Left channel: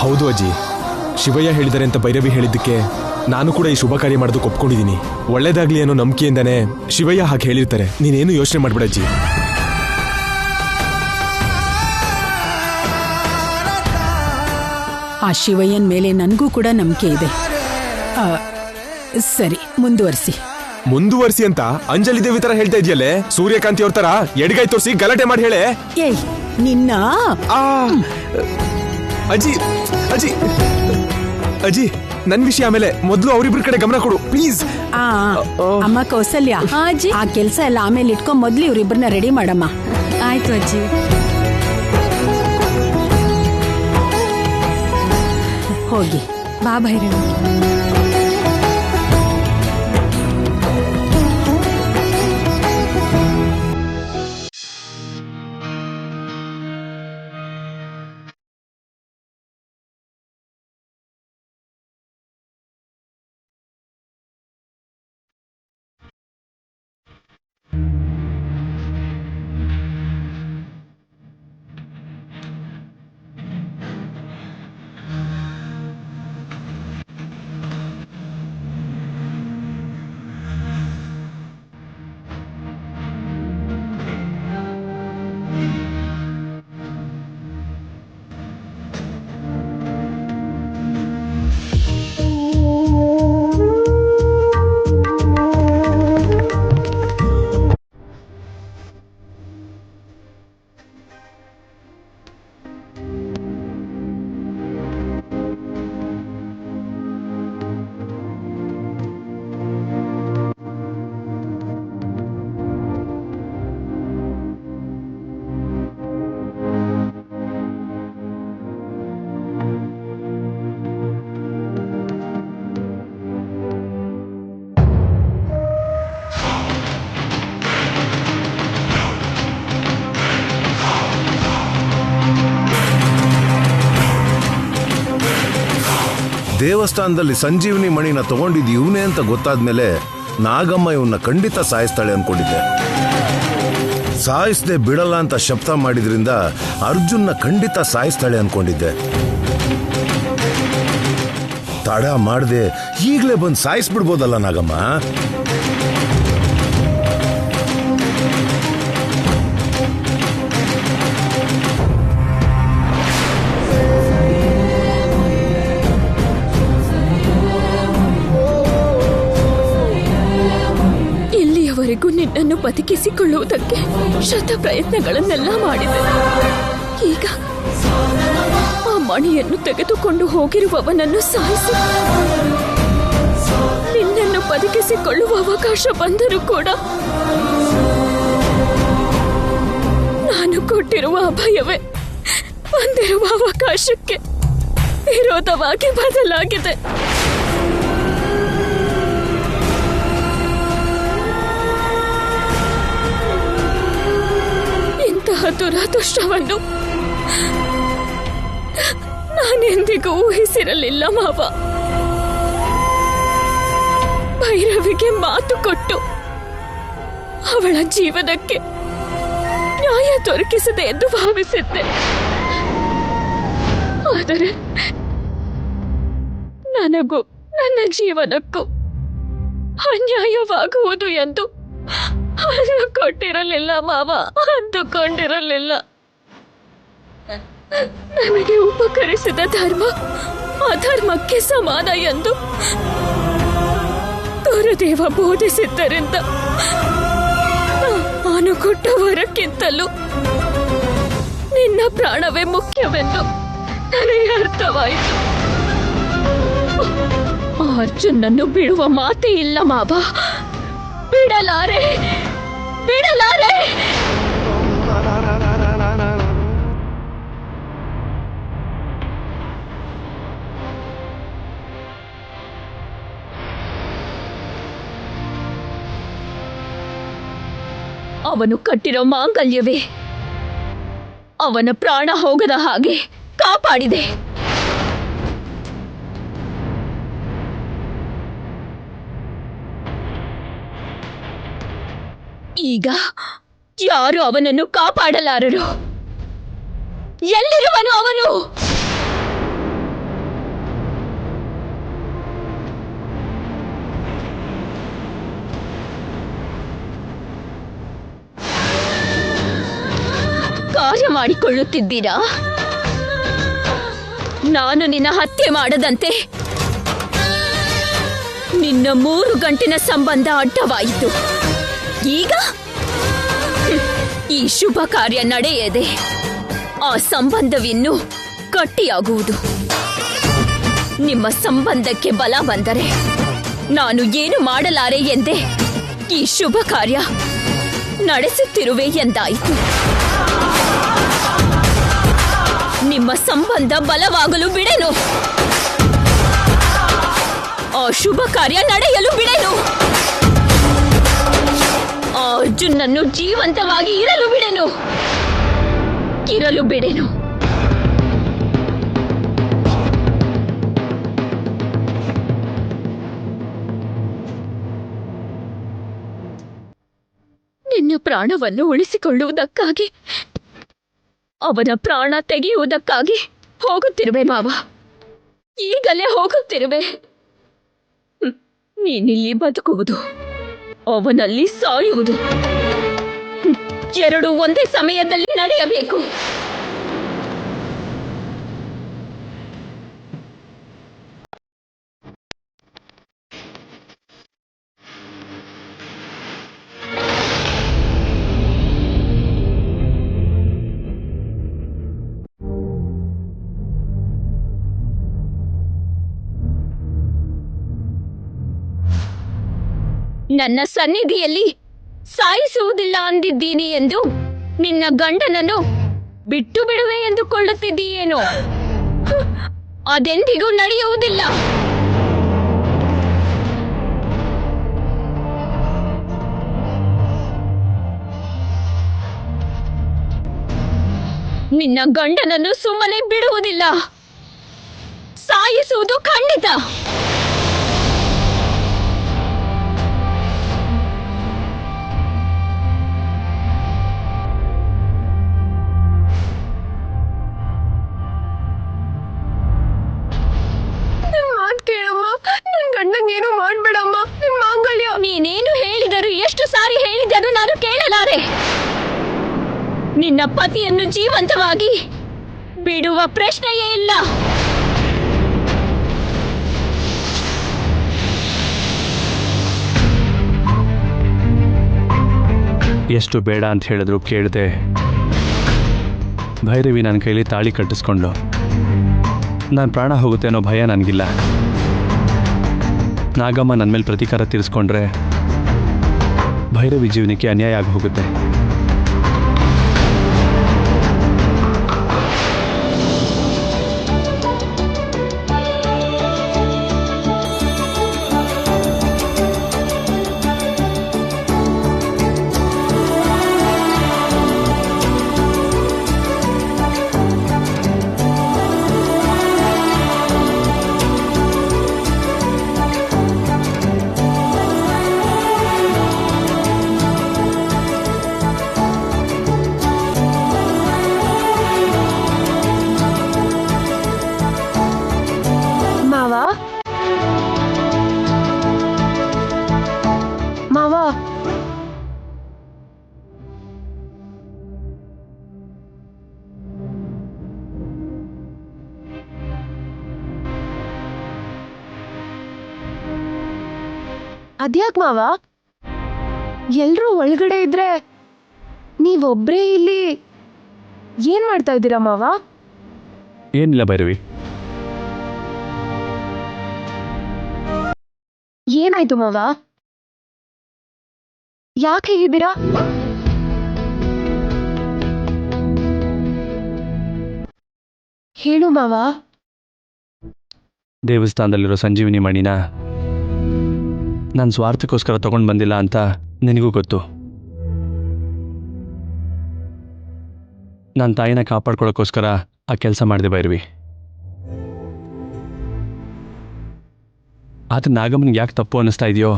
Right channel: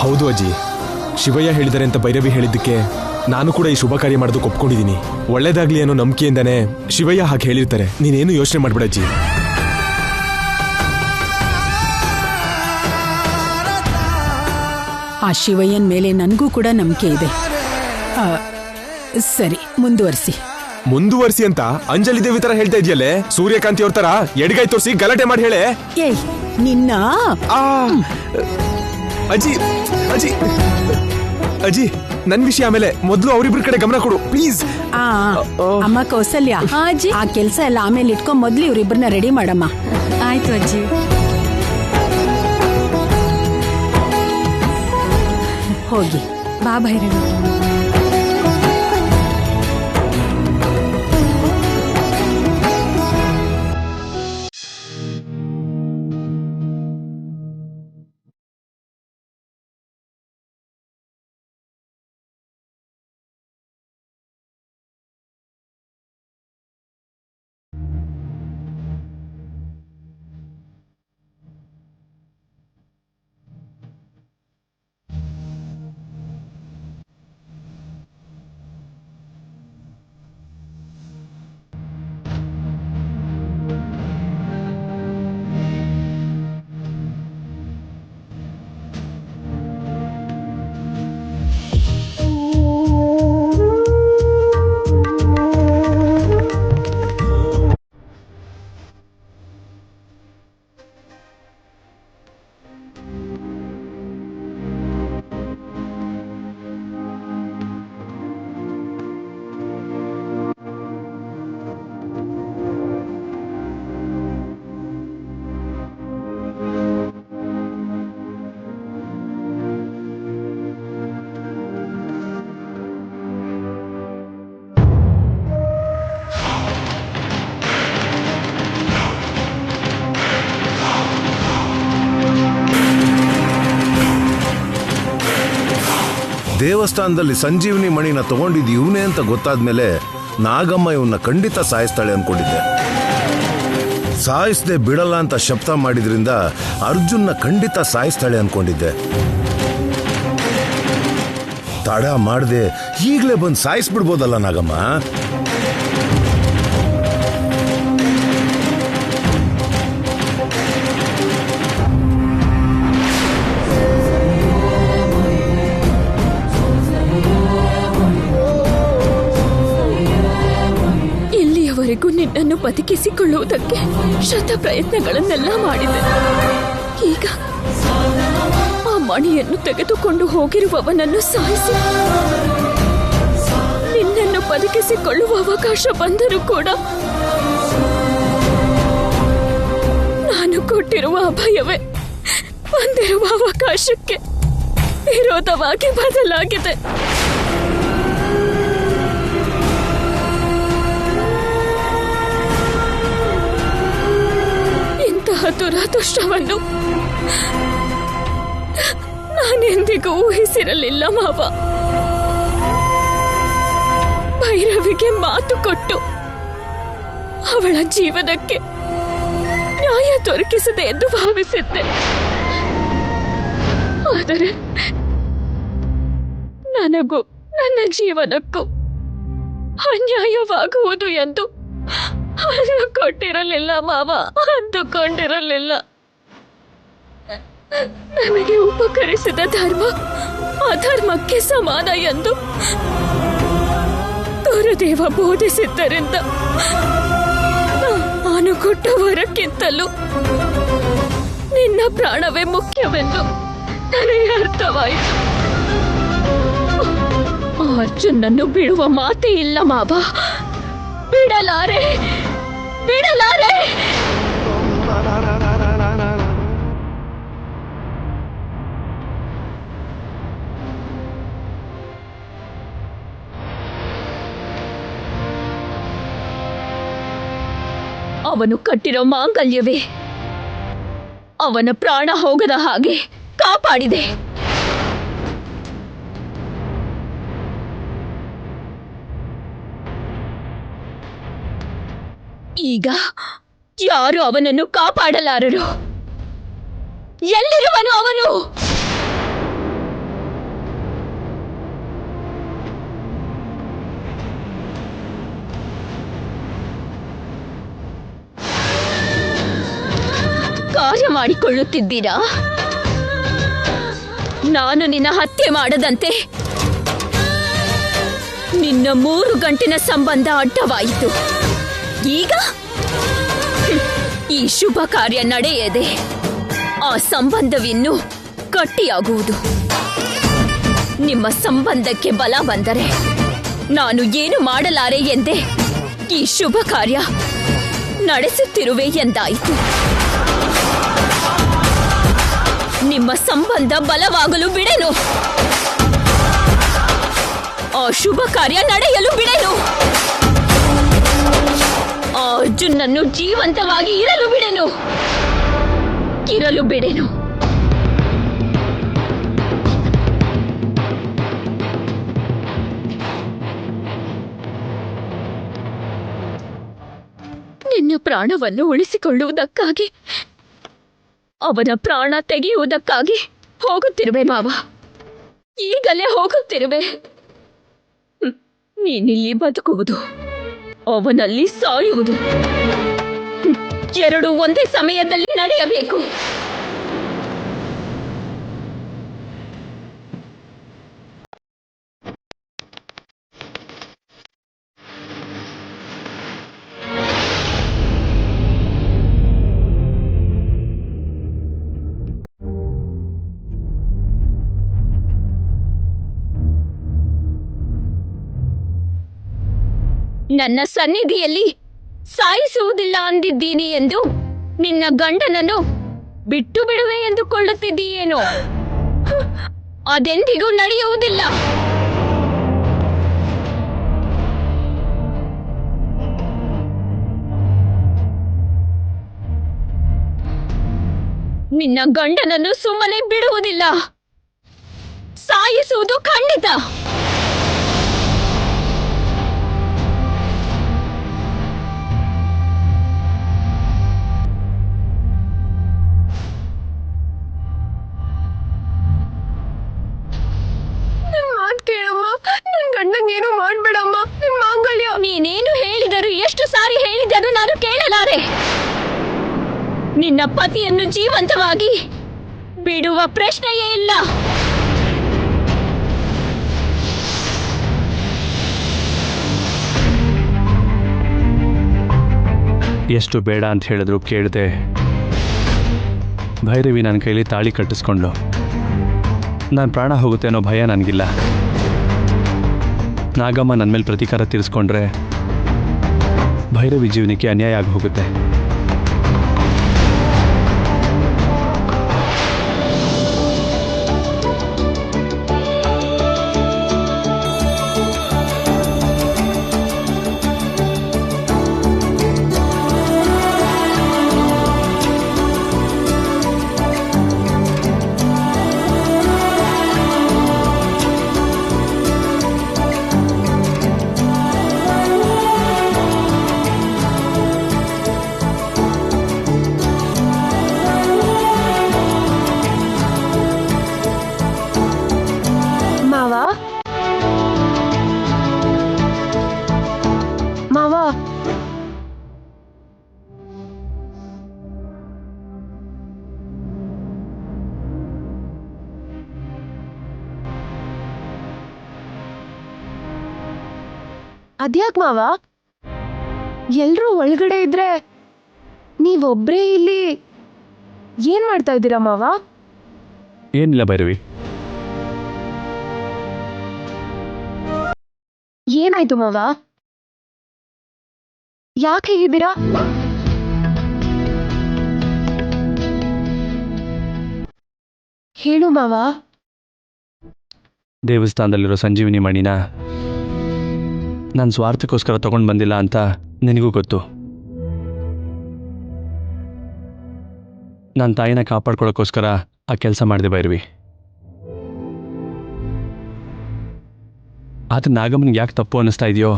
ಹೌದು ಅಜ್ಜಿ, ಶಿವಯ್ಯ ಹೇಳಿದರೆ ಅಂತ ಭೈರವಿ ಹೇಳಿದ್ದಕ್ಕೆ ನಾನು ಕೂಡ ಈ ಶುಭ ಕಾರ್ಯ ಮಾಡೋದಕ್ಕೆ ಒಪ್ಕೊಂಡಿದ್ದೀನಿ. ಒಳ್ಳೇದಾಗ್ಲಿ ಅನ್ನೋ ನಂಬಿಕೆಯಿಂದಾನೆ ಶಿವಯ್ಯ ಹಾಗೆ ಹೇಳಿರ್ತಾರೆ. ನೀನೇನು ಯೋಚನೆ ಮಾಡ್ಬೇಡ ಅಜ್ಜಿ. ಆ ಶಿವಯ್ಯನ ಮೇಲೆ ನನಗೂ ಕೂಡ ನಂಬಿಕೆ ಇದೆ. ಸರಿ, ಮುಂದುವರಿಸಿ ಅಂತ ಅಂಜಲಿ ದೇವಿ ತರ ಹೇಳ್ತಾ ಇದೆಯಲ್ಲೇ. ಸೂರ್ಯಕಾಂತಿ ಅವ್ರ ತರ ಎಡಗೈ ತೋರಿಸಿ ಗಲಾಟೆ ಮಾಡಿ ಹೇಳೆ. ಏಯ್ ನಿನ್ನ ಅಜ್ಜಿ ಅಜ್ಜಿ ಅಜ್ಜಿ, ನನ್ ವಿಷಯ ಆಮೇಲೆ, ಮೊದಲು ಅವರಿಬ್ರ ಕಡೆ ಗಮನ ಕೊಡು ಪ್ಲೀಸ್. ಅಮ್ಮ ಕೌಸಲ್ಯ, ಆ ಕೆಲ್ಸ ಎಲ್ಲ ಆಮೇಲೆ ಇಟ್ಕೊಂಡ್ ಮೊದ್ಲು ಇವ್ರಿಬ್ರನ್ನ ರೆಡಿ ಮಾಡಮ್ಮ. ಆಯ್ತು ಅಜ್ಜಿ. ಹೋಗಿ ಬಾ ಭೈರವಿ. ದೇವಸ್ಥಾನದಲ್ಲಿ ಸಂಜೀವನಿ ಮಣಿನ ತಗೊಂಡಿದ್ದು ಇವನೇ ಅಂತ ಗೊತ್ತಾದ್ಮೇಲೆ ನಾಗಮ್ಮ ಇವನ್ನ ಖಂಡಿತ ಸಾಯಿಸ್ತಾಳೆ ಅನ್ಕೊಂಡಿದ್ದೆ. ಸಾಯಿಸದೆ ಬಿಡಲ್ಲ ಅಂತ ಶಬ್ದ ಮಾಡಿದ್ರಿಂದ ಅರ್ಜುನ್ನ ಖಂಡಿತ ಸಾಯಿಸ್ತಾಳೆ ಅನ್ಕೊಂಡಿದ್ದೆ. ತಡ ಮಾಡದೆ ಈಗಲೇ ಬಂದು ಸಾಯಿಸ್ಬಿಡ್ಬೋದಲ್ಲ ನಾಗಮ್ಮ. ನಿನ್ನನ್ನು ಬದುಕಿಸಿಕೊಳ್ಳುವುದಕ್ಕೆ ಶತ ಪ್ರಯತ್ನಗಳನ್ನೆಲ್ಲ ಮಾಡಿದೆ. ಈಗ ಆ ಮಣಿಯನ್ನು ತೆಗೆದುಕೊಂಡು ಹೋಗಿರುವವನನ್ನು ಸಾಯಿಸಿ ನಿನ್ನನ್ನು ಬದುಕಿಸಿಕೊಳ್ಳುವ ಅವಕಾಶ ಬಂದರೂ ಕೂಡ ನಾನು ಕೊಟ್ಟಿರುವ ಅಭಯವೇ ಬಂದಿರುವ ಅವಕಾಶಕ್ಕೆ ವಿರೋಧವಾಗಿ ಬದಲಾಗಿದೆ. ದುರದೃಷ್ಟವನ್ನು ನಾನೆಂದಿಗೂ ಊಹಿಸಿರಲಿಲ್ಲ ಮಾವ. ಭೈರವಿಗೆ ಮಾತು ಕೊಟ್ಟು ಅವಳ ಜೀವನಕ್ಕೆ ನ್ಯಾಯ ದೊರಕಿಸದೆ ಎಂದು ಭಾವಿಸಿದ್ದೆ. ಆದರೆ ನನಗೂ ನನ್ನ ಜೀವನಕ್ಕೂ ಅನ್ಯಾಯವಾಗುವುದು ಎಂದು ಕೊಟ್ಟಿರಲಿಲ್ಲ ಮಾವ, ಅಂದುಕೊಂಡಿರಲಿಲ್ಲ. ನನಗೆ ಉಪಕರಿಸಿದ ಧರ್ಮ ಅಧರ್ಮಕ್ಕೆ ಸಮಾನ ಎಂದು ಗುರುದೇವ ಬೋಧಿಸಿದ್ದರಿಂದ ನಾನು ಕೊಟ್ಟ ವರಕ್ಕಿಂತಲೂ ನಿನ್ನ ಪ್ರಾಣವೇ ಮುಖ್ಯವೆಂದು ನನಗೆ ಅರ್ಥವಾಯಿತು. ಅರ್ಜುನನ್ನು ಬಿಡುವ ಮಾತೇ ಇಲ್ಲ ಮಾವ. ಬಿಡಲಾರೆ. ಅವನು ಕಟ್ಟಿರೋ ಮಾಂಗಲ್ಯವೇ ಅವನ ಪ್ರಾಣ ಹೋಗದ ಹಾಗೆ ಕಾಪಾಡಿದೆ. ಈಗ ಯಾರು ಅವನನ್ನು ಕಾಪಾಡಲಾರರು. ಎಲ್ಲಿರುವನು ಅವನು? ಕಾರ್ಯ ಮಾಡಿಕೊಳ್ಳುತ್ತಿದ್ದೀರಾ? ನಾನು ನಿನ್ನ ಹತ್ಯೆ ಮಾಡದಂತೆ ನಿನ್ನ 3 ಗಂಟಿನ ಸಂಬಂಧ ಅಡ್ಡವಾಯಿತು. ಈಗ ಈ ಶುಭ ಕಾರ್ಯ ನಡೆಯದೆ ಆ ಸಂಬಂಧವಿನ್ನೂ ಗಟ್ಟಿಯಾಗುವುದು. ನಿಮ್ಮ ಸಂಬಂಧಕ್ಕೆ ಬಲ ಬಂದರೆ ನಾನು ಏನು ಮಾಡಲಾರೆ ಎಂದೇ ಈ ಶುಭ ಕಾರ್ಯ ನಡೆಸುತ್ತಿರುವೆ ಎಂದಾಯಿತು. ನಿಮ್ಮ ಸಂಬಂಧ ಬಲವಾಗಲು ಬಿಡೆನು, ಆ ಶುಭ ಕಾರ್ಯ ನಡೆಯಲು ಬಿಡೆನು, ಆ ಅರ್ಜುನನ್ನು ಜೀವಂತವಾಗಿ ಇರಲು ಬಿಡೆನು. ನಿನ್ನ ಪ್ರಾಣವನ್ನು ಉಳಿಸಿಕೊಳ್ಳುವುದಕ್ಕಾಗಿ, ಅವನ ಪ್ರಾಣ ತೆಗೆಯುವುದಕ್ಕಾಗಿ ಹೋಗುತ್ತಿರುವೆ ಮಾವ. ಈಗಲೇ ಹೋಗುತ್ತಿರುವೆ. ನೀನಿಲ್ಲಿ ಬದುಕುವುದು, ಅವನಲ್ಲಿ ಸಾಯುವುದು ಎರಡೂ ಒಂದೇ ಸಮಯದಲ್ಲಿ ನಡೆಯಬೇಕು. ನನ್ನ ಸನ್ನಿಧಿಯಲ್ಲಿ ಸಾಯಿಸುವುದಿಲ್ಲ ಅಂದಿದ್ದೀನಿ ಎಂದು ನಿನ್ನ ಗಂಡನನ್ನು ಬಿಟ್ಟು ಬಿಡುವೆ ಎಂದುಕೊಳ್ಳುತ್ತಿದ್ದೀಯೇನೋ? ಅದೆಂದಿಗೂ ನಡೆಯುವುದಿಲ್ಲ. ನಿನ್ನ ಗಂಡನನ್ನು ಸುಮ್ಮನೆ ಬಿಡುವುದಿಲ್ಲ, ಸಾಯಿಸುವುದು ಖಂಡಿತ. ಗಂಡಂಗೇನು ಮಾಡ್ಬೇಡಮ್ಮ, ನಿನ್ ಮಾಂಗಲ್ಯ. ನೀನೇನು ಹೇಳಿದರು, ಎಷ್ಟು ಸಾರಿ ಹೇಳಿದರು ನಾನು ಕೇಳಲಾರೆ. ನಿನ್ನ ಪತಿಯನ್ನು ಜೀವಂತವಾಗಿ ಬಿಡುವ ಪ್ರಶ್ನೆಯೇ ಇಲ್ಲ. ಎಷ್ಟು ಬೇಡ ಅಂತ ಹೇಳಿದ್ರು ಕೇಳದೆ ಭೈರವಿ ನನ್ನ ಕೈಲಿ ತಾಳಿ ಕಟ್ಟಿಸ್ಕೊಂಡ್ಲು. ನನ್ನ ಪ್ರಾಣ ಹೋಗುತ್ತೆ ಅನ್ನೋ ಭಯ ನನಗಿಲ್ಲ. ನಾಗಮ್ಮ ನನ್ನ ಮೇಲೆ ಪ್ರತೀಕಾರ ತೀರಿಸ್ಕೊಂಡ್ರೆ ಭೈರವಿ ಜೀವನಕ್ಕೆ ಅನ್ಯಾಯ ಆಗಿ ಹೋಗುತ್ತೆ. ಮಾವ, ಅದ್ಯಾಕ್ ಮಾವ, ಎಲ್ರೂ ಒಳಗಡೆ ಇದ್ರೆ ನೀವೊಬ್ರೇ ಇಲ್ಲಿ ಏನ್ ಮಾಡ್ತಾ ಇದ್ದೀರಾ ಮಾವ? ಏನಿಲ್ಲ ಭೈರವಿ. ಏನಾಯ್ತು ಮಾವ? ಯಾಕೆ ಹೀಗಿದ್ದೀರಾ? ಹೇಳು ಮಾವ. ದೇವಸ್ಥಾನದಲ್ಲಿರೋ ಸಂಜೀವಿನಿ ಮಣಿನ ನಾನು ಸ್ವಾರ್ಥಕ್ಕೋಸ್ಕರ ತಗೊಂಡು ಬಂದಿಲ್ಲ ಅಂತ ನಿನಗೂ ಗೊತ್ತು. ನನ್ನ ತಾಯಿನ ಕಾಪಾಡ್ಕೊಳ್ಳೋಕ್ಕೋಸ್ಕರ ಆ ಕೆಲಸ ಮಾಡಿದೆ ಭೈರವಿ. ಆದರೆ ನಾಗಮ್ಮನಿಗೆ ಯಾಕೆ ತಪ್ಪು ಅನ್ನಿಸ್ತಾ ಇದೆಯೋ,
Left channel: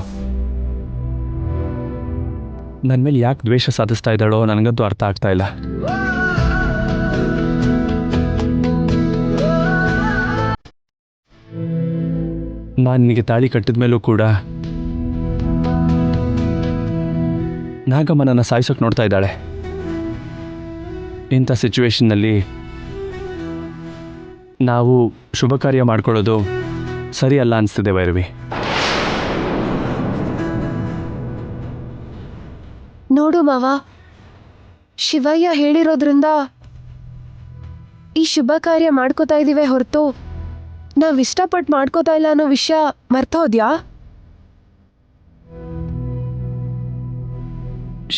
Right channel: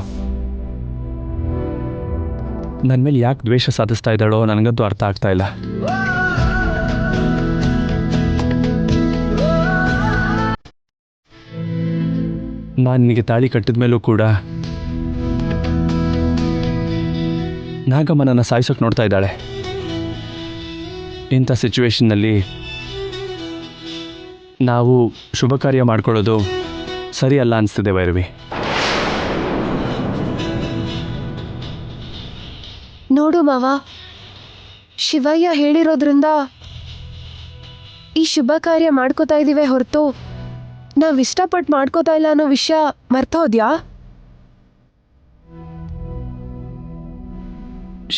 ನನ್ನ ಮೇಲೆ ಯಾಕೆ ದ್ವೇಷ ಸಾಧಿಸ್ತಾ ಇದ್ದಾಳೋ ನನಗಂತೂ ಅರ್ಥ ಆಗ್ತಾ ಇಲ್ಲ. ನಾನು ನಿನಗೆ ತಾಳಿ ಕಟ್ಟಿದ ಮೇಲೂ ಕೂಡ ನಾಗಮ್ಮ ನನ್ನ ಸಾಯಿಸೋಕೆ ನೋಡ್ತಾ ಇದ್ದಾಳೆ. ಇಂಥ ಸಿಚುವೇಶನ್ನಲ್ಲಿ ನಾವು ಶುಭ ಕಾರ್ಯ ಮಾಡ್ಕೊಳ್ಳೋದು ಸರಿ ಅಲ್ಲ ಅನಿಸ್ತಿದೆ ಭೈರವಿ. ನೋಡು ಮಾವ, ಶಿವಯ್ಯ ಹೇಳಿರೋದ್ರಿಂದ ಈ ಶುಭ ಕಾರ್ಯ ಮಾಡ್ಕೋತಾ ಇದೀವಿ ಹೊರತು ನಾವ್ ಇಷ್ಟಪಟ್ಟು ಮಾಡ್ಕೋತಾ ಇಲ್ಲ ಅನ್ನೋ ವಿಷಯ ಮರ್ತೋದ್ಯಾ?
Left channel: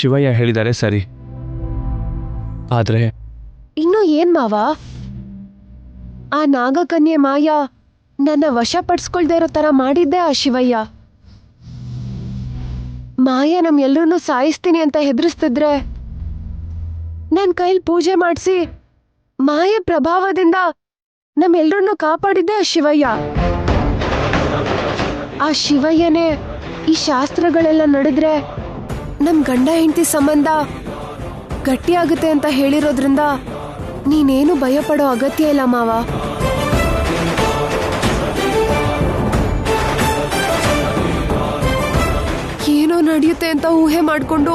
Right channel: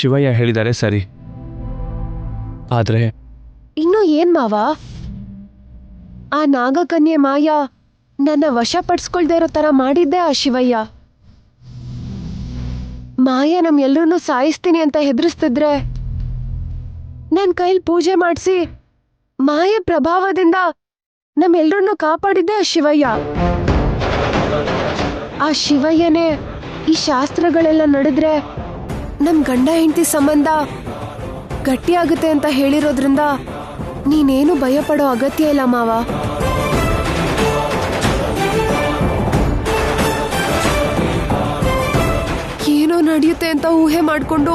ಶಿವಯ್ಯ ಹೇಳಿದ್ದಾರೆ ಸರಿ, ಆದರೆ ಇನ್ನು ಏನ್ ಮಾವ? ಆ ನಾಗಕನ್ಯೆ ಮಾಯ ನನ್ನ ವಶಪಡಿಸ್ಕೊಳ್ದೇ ಇರೋ ತರ ಮಾಡಿದ್ದೆ ಆ ಶಿವಯ್ಯ. ಮಾಯ ನಮ್ಮೆಲ್ಲರನ್ನೂ ಸಾಯಿಸ್ತೀನಿ ಅಂತ ಹೆದರಿಸ್ತಿದ್ರೆ ನನ್ನ ಕೈಲಿ ಪೂಜೆ ಮಾಡಿಸಿ ಮಾಯ ಪ್ರಭಾವದಿಂದ ನಮ್ಮೆಲ್ಲರನ್ನೂ ಕಾಪಾಡಿದ್ದೆ ಆ ಶಿವಯ್ಯ. ಆ ಶಿವಯ್ಯನೇ ಈ ಶಾಸ್ತ್ರಗಳೆಲ್ಲ ನಡೆದ್ರೆ ನಮ್ ಗಂಡ ಹೆಂಡತಿ ಸಂಬಂಧ ಗಟ್ಟಿಯಾಗುತ್ತೆ ಅಂತ ಹೇಳಿರೋದ್ರಿಂದ ನೀನೇನು ಭಯ ಪಡೋ ಅಗತ್ಯ ಇಲ್ಲ ಮಾವ. ಏನೋ ನಡೆಯುತ್ತೆ ಅಂತ ಊಹೆ ಮಾಡ್ಕೊಂಡು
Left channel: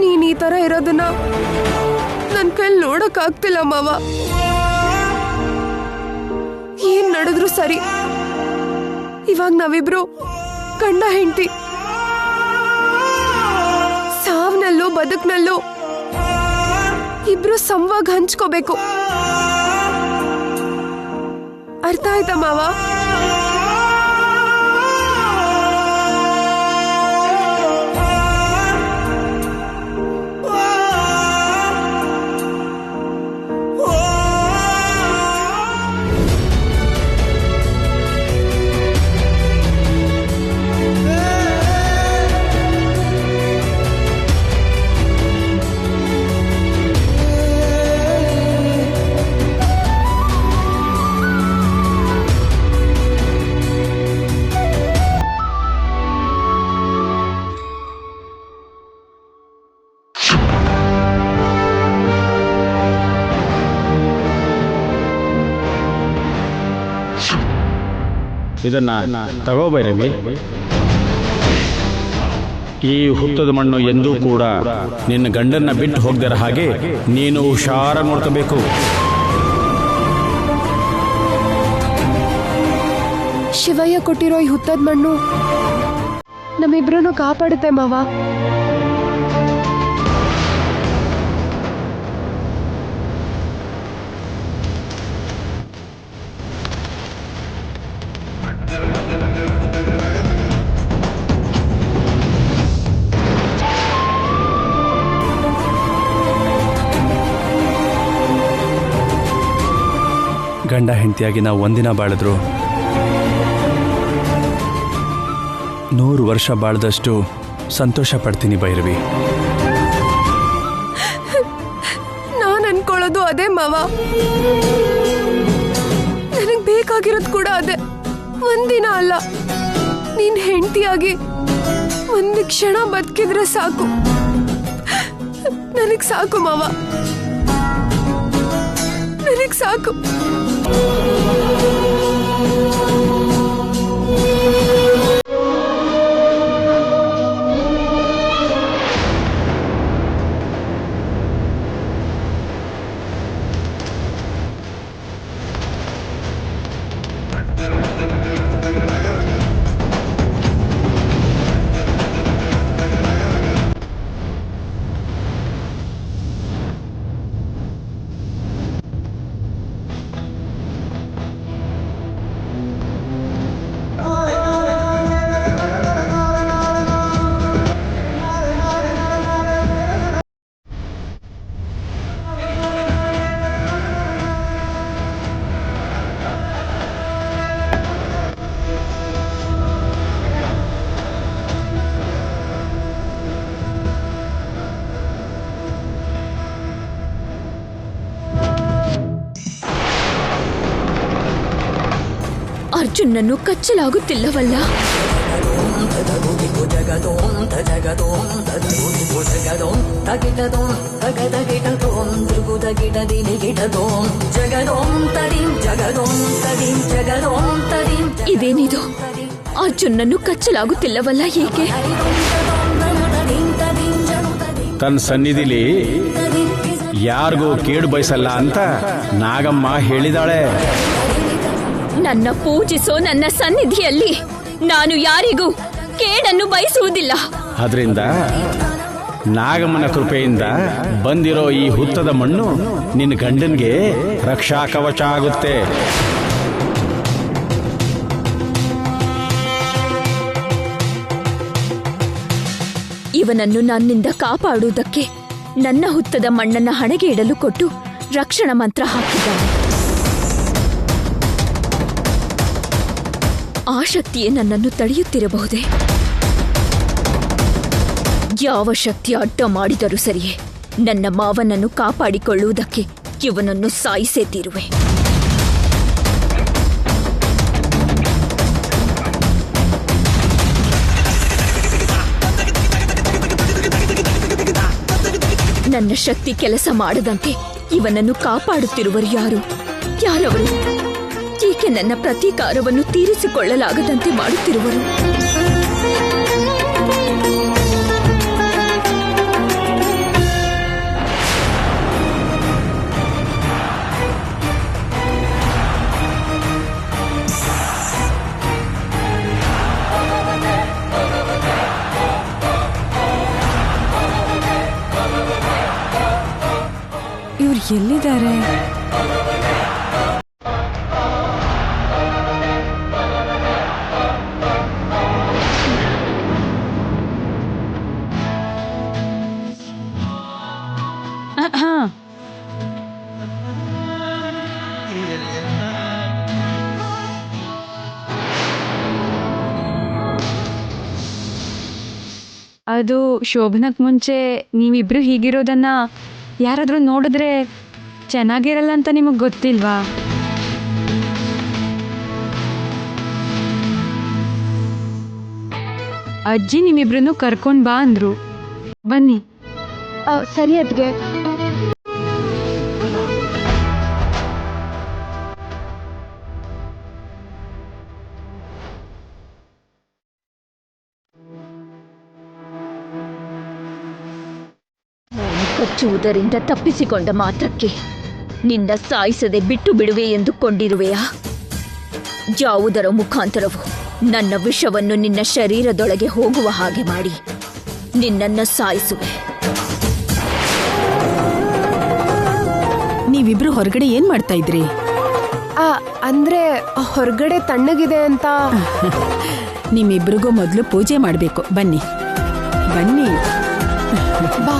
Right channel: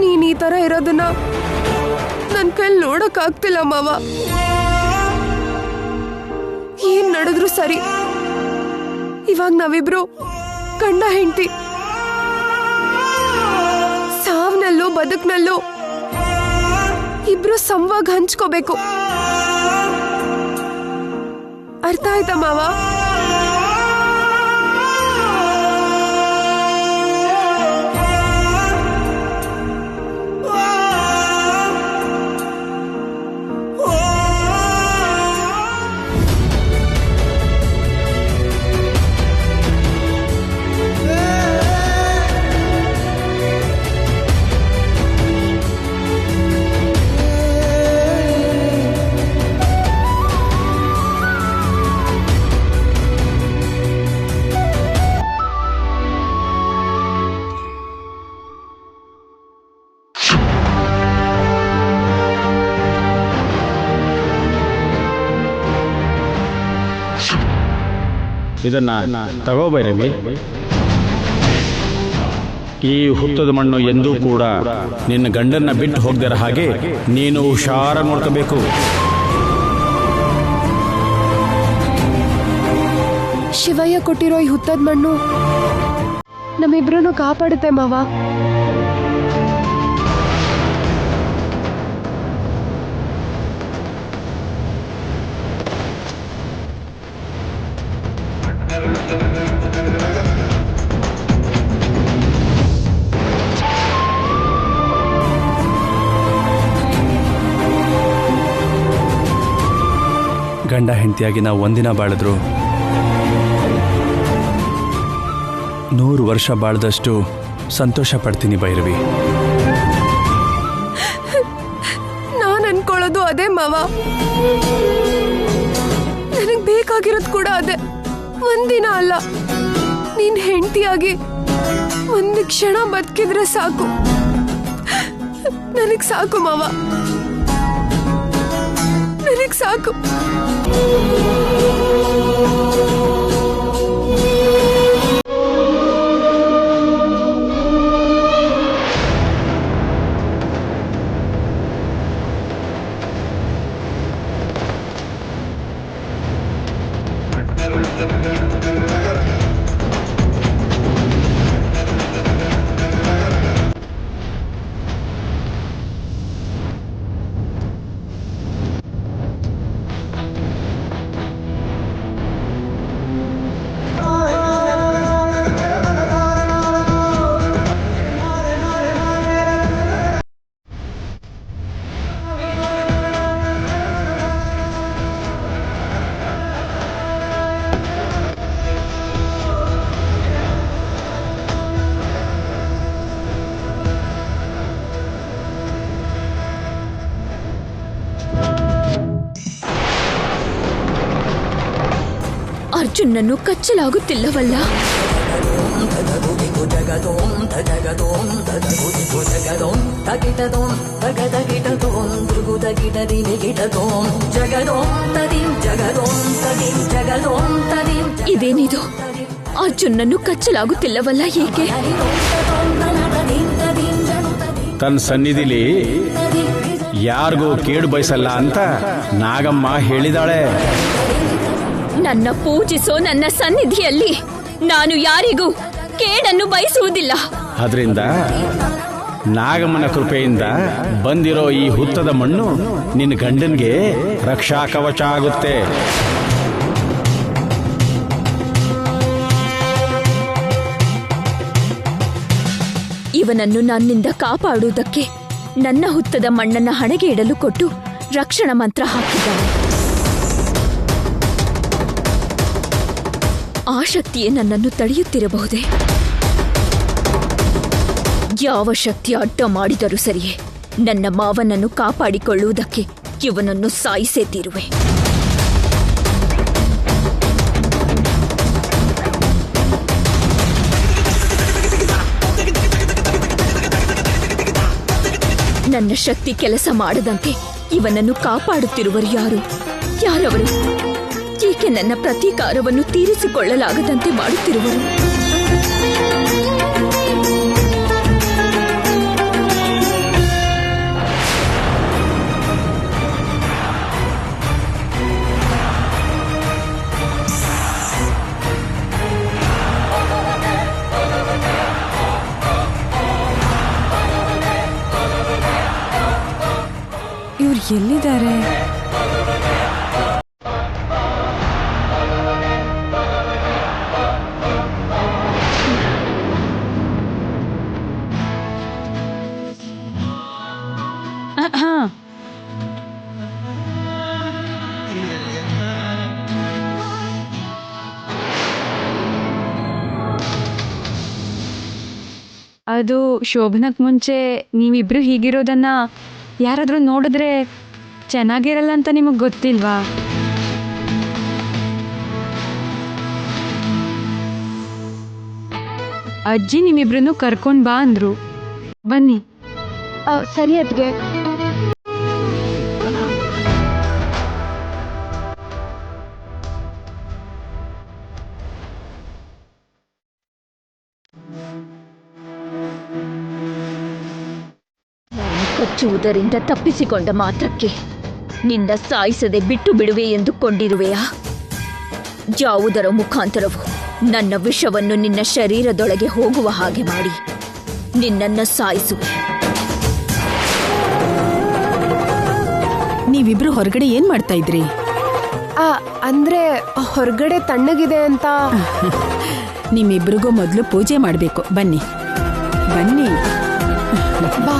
ನೀನ್ ಈ ತರ ಇರೋದನ್ನ ನನ್ ಕೈಲಿ ನೋಡಕ್ ಆಗ್ತಿಲ್ಲ ಮಾವ. ಏನ್ ನಡೆದ್ರು ಸರಿ, ಇವಾಗ ನಾವಿಬ್ರು ಗಂಡ ಹೆಂಡತಿ, ಸಾವ್ನಲ್ಲೂ ಬದುಕ್ನಲ್ಲೂ ಇಬ್ರು ಸಂವಾಗ ಹಂಚ್ಕೋಬೇಕು. ಅರ್ಥ ಆಯ್ತಾ ಮಾವ? ಇದನ್ನ ತಗೋ ಭೈರವಿ. ಈ ಹುತ್ತದ ಮಣ್ಣು ಎಂದೂ ಕೂಡ ನಿನ್ನ ಗಂಡನ್ನ ಬಿಟ್ಟು ಹೋಗದಿರ ಹಾಗೆ ನೀನು ಹುಷಾರ ನೋಡ್ಕೋಬೇಕು. ಶಿವಯ್ಯ ಕೊಟ್ಟಿರೋ ಈ ಹುತ್ತದ ಮಣ್ಣು ನಮ್ಮಿಬ್ರನ್ನು ಕಾಪಾಡುತ್ತೆ ಮಾವ. ಗಂಡ ಹೆಂಡತಿಯಾಗಿ ನಾವು ಒಂದಿನ ಬಾಳಿದ್ರು 100 ವರ್ಷ ಬಾಳ್ದಷ್ಟು ಸಂತೋಷ ಪಡ್ತೀನಿ ಭೈರವಿ. ನಾನ್ ಅನ್ಕೊಳ್ಳೋದು ಅದೇ ಮಾವ. ನನಗ್ ಬೇಕಾಗಿರೋದು ಕೂಡ ಅದೇ. ಒಂದಿನ ಅಲ್ಲ, ನೀನ್ ಹೆಂಡತಿಯಾಗಿ ಒಂದು ಕ್ಷಣ ಬದುಕಿದ್ರೆ ಸಾಕು. ನನಗ್ ಸಾಕು ಮಾವ, ನನಗ್ ಸಾಕು. ಅರ್ಜುನನ್ನು ಕಚ್ಚಲಾಗುತ್ತಿಲ್ಲವಲ್ಲ? ಇದೇನಿದು? ಅರ್ಜುನನ್ನು ಕಚ್ಚಲಾಗುತ್ತಿಲ್ಲವಲ್ಲ, ಏಕೆ? ತನ್ನ ಸನ್ನಿಧಿಲಿ ಯಾರಿಗೂ ಕೇಡು ಬಯಸಲ್ಲ ಅಂತ ನಾಗಮ್ಮ ಹೇಳಿದಾಳೆ. ನನ್ನ ಪೂಜಿಸೋ ನನ್ನ ಸನ್ನಿಧಿಯಲ್ಲಿ ನಾನು ಯಾರಿಗೂ ಕೇಡನ್ನು ಬಯಸುವುದಿಲ್ಲ. ಅದರಿಂದ ನಾಗಮ್ಮನ ಕೃಪೆಯಿಂದ ಬಂದಿರೋ ಈ ಹುತ್ತದ ಮಣ್ಣು ನಿನ್ನ ಗಂಡನ್ಗೆ ರಕ್ಷಾ ಕವಚ ಆಗುತ್ತೆ. ಇವನನ್ನು ನನ್ನಿಂದ ಕಾಪಾಡುವುದಕ್ಕೆ ನನ್ನ ಹುತ್ತದ ಮಣ್ಣನ್ನ ಹಣೆಗೆ ಇಡಲು ಕೊಟ್ಟು ರಕ್ಷಣಾ ಮಂತ್ರ ಹಾಕಿದ್ದಾನೆ. ಆ ಶಕ್ತಿಯೇ ನನ್ನನ್ನು ತಡೆಯುತ್ತಿರಬಹುದೇ? ಯಾವ ಶಕ್ತಿ ಅಡ್ಡ ಮಾಡಿದರೂ ಸರಿಯೇ, ನನ್ನ ಮಾವನನ್ನು ಕಾಪಾಡಿಕೊಳ್ಳುವುದಕ್ಕೆ ಇವನನ್ನು ಸಾಯಿಸೇ ತೀರುವೆ. ನನ್ನ ಶಕ್ತಿ ಕೆಲಸ ಮಾಡದಂತೆ ಇವನನ್ನು ಕಾಪಾಡುತ್ತಿರುವರು ಯಾರು? ಯಾರವರು? ಏಕೆ ನನ್ನ ಪ್ರತೀಕಾರವನ್ನು ತೀರಿಸಿಕೊಳ್ಳಲಾಗದಂತೆ ಮಾಡುತ್ತಿರುವರು? ಇವ್ರು ಎಲ್ಲಿದ್ದಾರೆ? ಹಾ, ಅದು ಶೋಭನಕ್ ಮುಂಚೆ ನೀವಿಬ್ರು ಹೀಗಿರೋದನ್ನ ಯಾರಾದ್ರೂ ನೋಡಿದ್ರೆ ಚೆನ್ನಾಗಿರಲ್ಲ ಅಂತ ನಿಮಗೆ ಗೊತ್ತಿಲ್ವಾ? ಅಜ್ಜಿ ನಿಮ್ಮಿಬ್ರನ್ನು ಕರ್ಕೊಂಡ್ ಬಾ ಅಂದ್ರು. ಬನ್ನಿ. ಸರಿ ಅದ್ಗೆ. ಕಚ್ಚುವುದರಿಂದ ತಪ್ಪಿಸಿಕೊಂಡ ಮಾತ್ರಕ್ಕೆ ನಿನ್ನ ಸಾಯಿಸದೆ ಬಿಟ್ಟು ಬಿಡುವೆ ಎಂದುಕೊಂಡಿರುವೆಯಾ? ಯಾವುದರ ಮುಖಾಂತರವೂ ನನ್ನ ವಿಷವನ್ನು ನಿನ್ನ ಶರೀರದೊಳಗೆ ಹೋಗುವ ಹಾಗೆ ಮಾಡಿ ನಿನ್ನನ್ನು ಸಾಯಿಸುವೆ. ನೀವಿಬ್ರು ಹೊರಗಡೆ ಏನ್ ಮಾಡ್ತಾ ಇದ್ರಿ? ಅಂದ್ರೆ ಹೊರಗಡೆ ತಣ್ಣಗಿದೆ ಅಂತ. ನಿಮ್ಮಿಬ್ರಿಗೂ ಮೊದಲು ಪೂಜೆ ಮಾಡ್ಬೇಕು. ಬನ್ನಿ ಬನ್ನಿ. ಬಾ.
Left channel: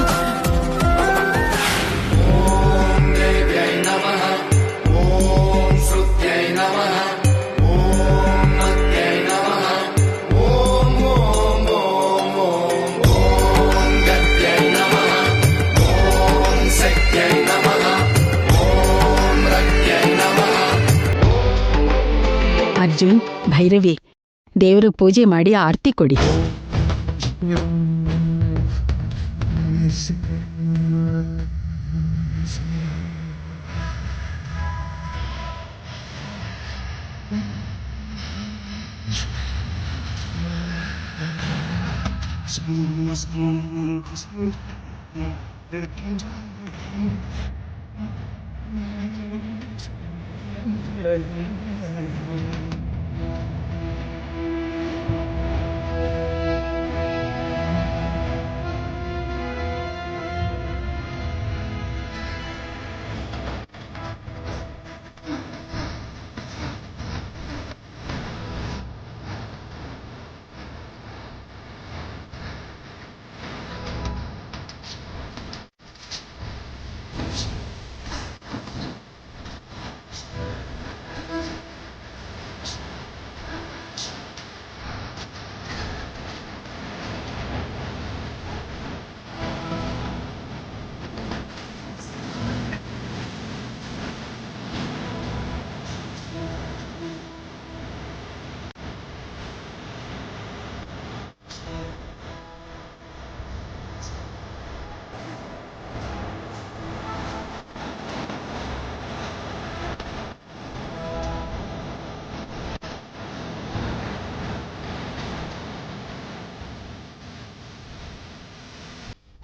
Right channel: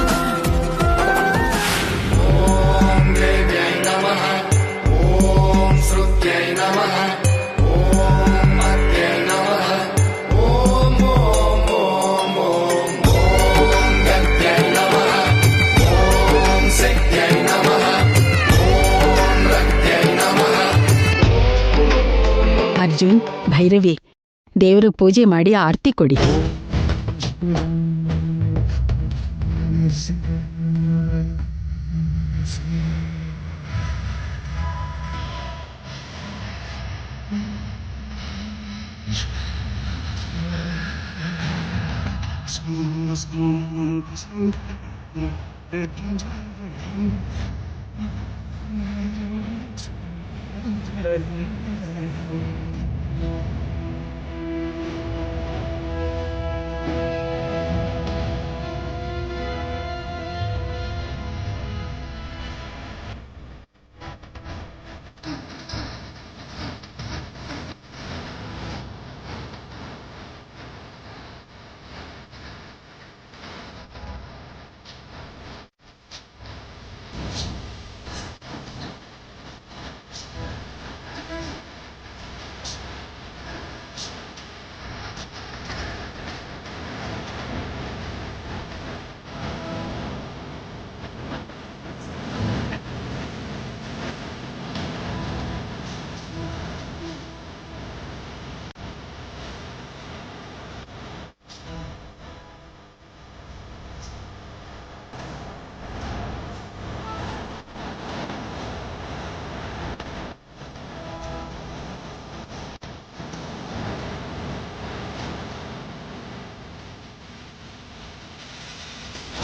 ಅರ್ಜುನ್, ಭೈರವಿ, ದೇವರು ಪೂಜೆ ಮಾಡಿ ಆರತಿ ಕೊಡಿ.